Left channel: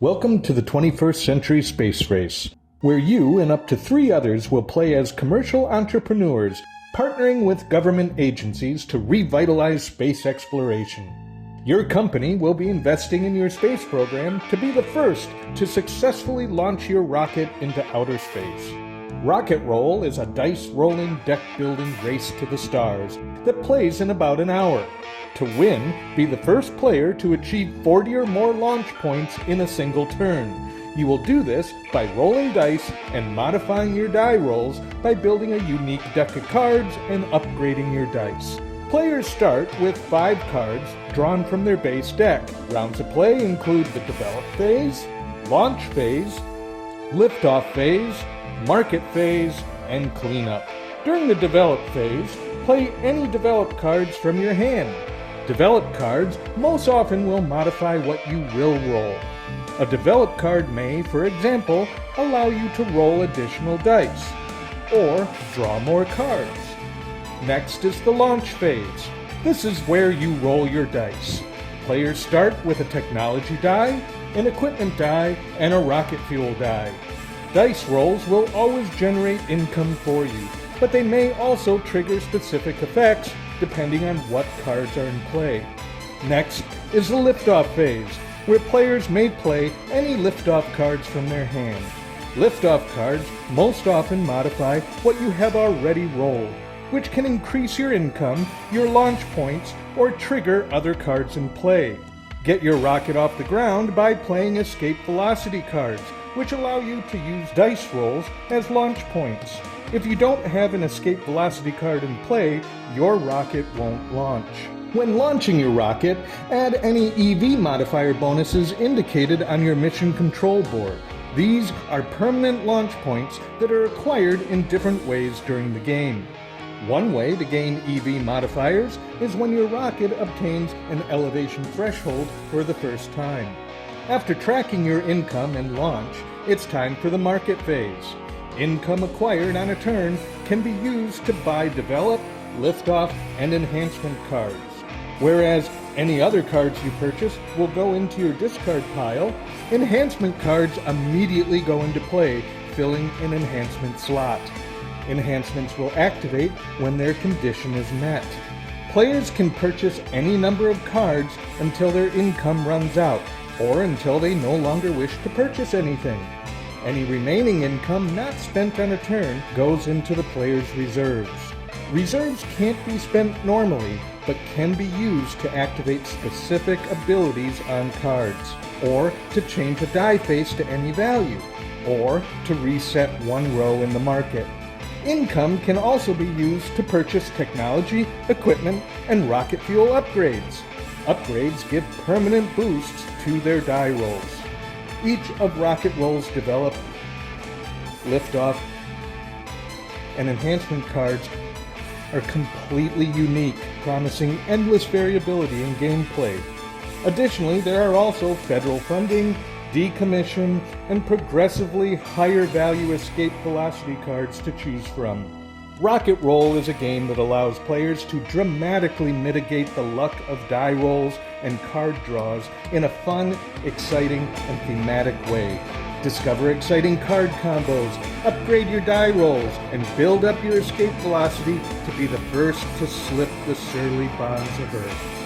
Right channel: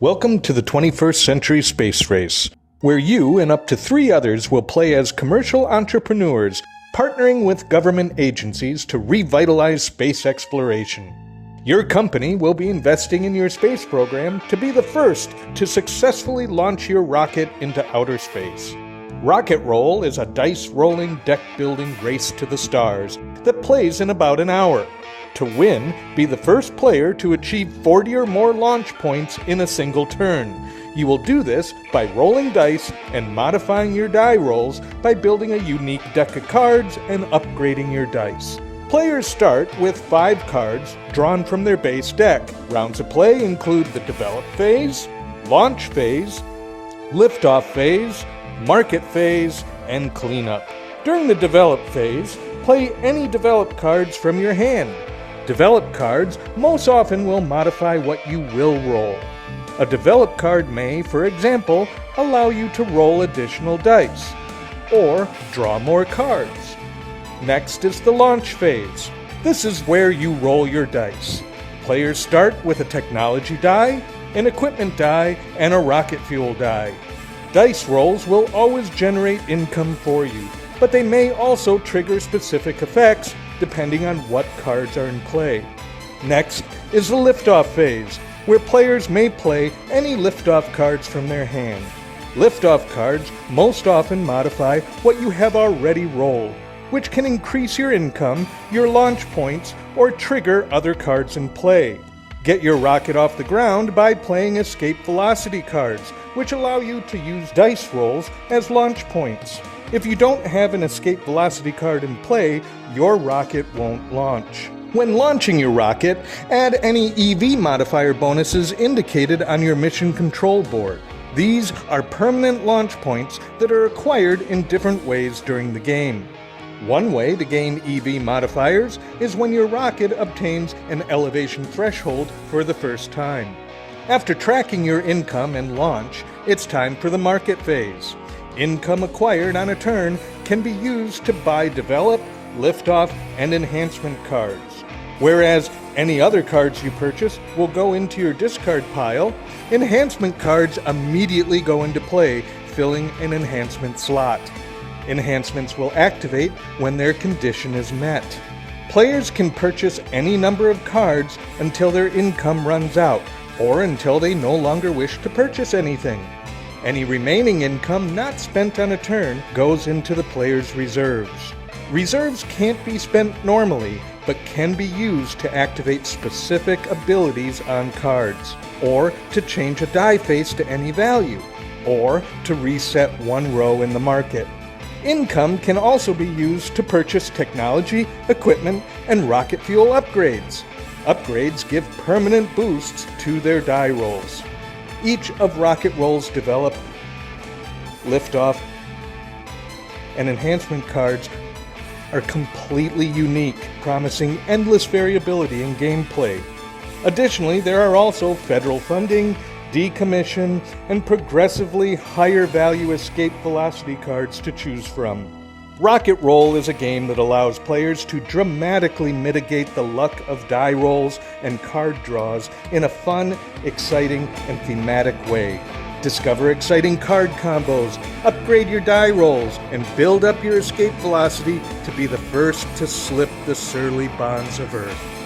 Welcome to the 21st Century Space Race, where you and up to 3 others will play as commercial entrepreneurs, partnering with government agencies to revitalize space exploration. Your company will be investing in your space program to be the first to successfully launch your rocket into outer space. Rocket Roll is a dice-rolling, deck-building race to the stars that plays in about an hour. To win, be the first player to achieve 40 or more launch points in a single turn. You will do this by rolling dice and modifying your die rolls by building a unique deck of cards and upgrading your dice. Players start with 5 cards drawn from their base deck. Rounds of play include the develop phase, launch phase, liftoff phase, market phase, and cleanup. During the develop phase, play any developed cards from your hand. Developed cards most often will modify what you will roll. A developed card may, for example, allow you to roll additional dice, or draw more cards. Next is the launch phase. This is where you roll your dice. Players start with a technology die, an equipment die, and a rocket fuel die. Dice rolls will always generate income for you, but they may also trigger specific effects depending on what cards are in play. Next is the liftoff phase, where players may play any liftoff cards from their hand. Liftoff cards most often modify what you have already rolled, which can increase your income, your launch points, or trigger other cards in play. Get your rocket off the ground by playing escape velocity cards, which allow you to use dice rolls as launch points. If you don't have an escape velocity card in play, your rocket won't launch. When launching your rocket, add any EV modifier bonuses indicated on your mission control board. These are permanent launch points that are acquired in different ways during the game. One way to gain EV modifiers is when your rocket obtains an elevation threshold for the first time. After tracking your income and launch, it's time for the market phase. Income acquired on a turn can be used to buy develop, liftoff, and enhancement cards. Whereas any other cards you purchase will go into your discard pile, enhancement cards immediately go into play, filling an enhancement slot. Enhancements will activate when their condition is met. Players can purchase any number of cards until their income runs out, or until they no longer wish to purchase anything. Any remaining income not spent on a turn goes into the player's reserves. Reserves can't be spent normally, but can be used to activate specific abilities on cards, or to change a die face to any value, or to reset one row in the market. Income can also be used to purchase technology, equipment, and rocket fuel upgrades. Upgrades give permanent boosts to their die rolls. Each of Rocket Roll's develop, liftoff, and enhancement cards are completely unique, promising endless variability in gameplay. Additionally, there are also federal funding, decommission, and progressively higher value escape velocity cards to choose from. Rocket Roll is a game that allows players to dramatically mitigate the luck of die rolls and card draws in a fun, exciting, and thematic way. Discover exciting card combos, upgrade your die rolls, and build up your escape velocity to be the first to slip the surly bonds of Earth.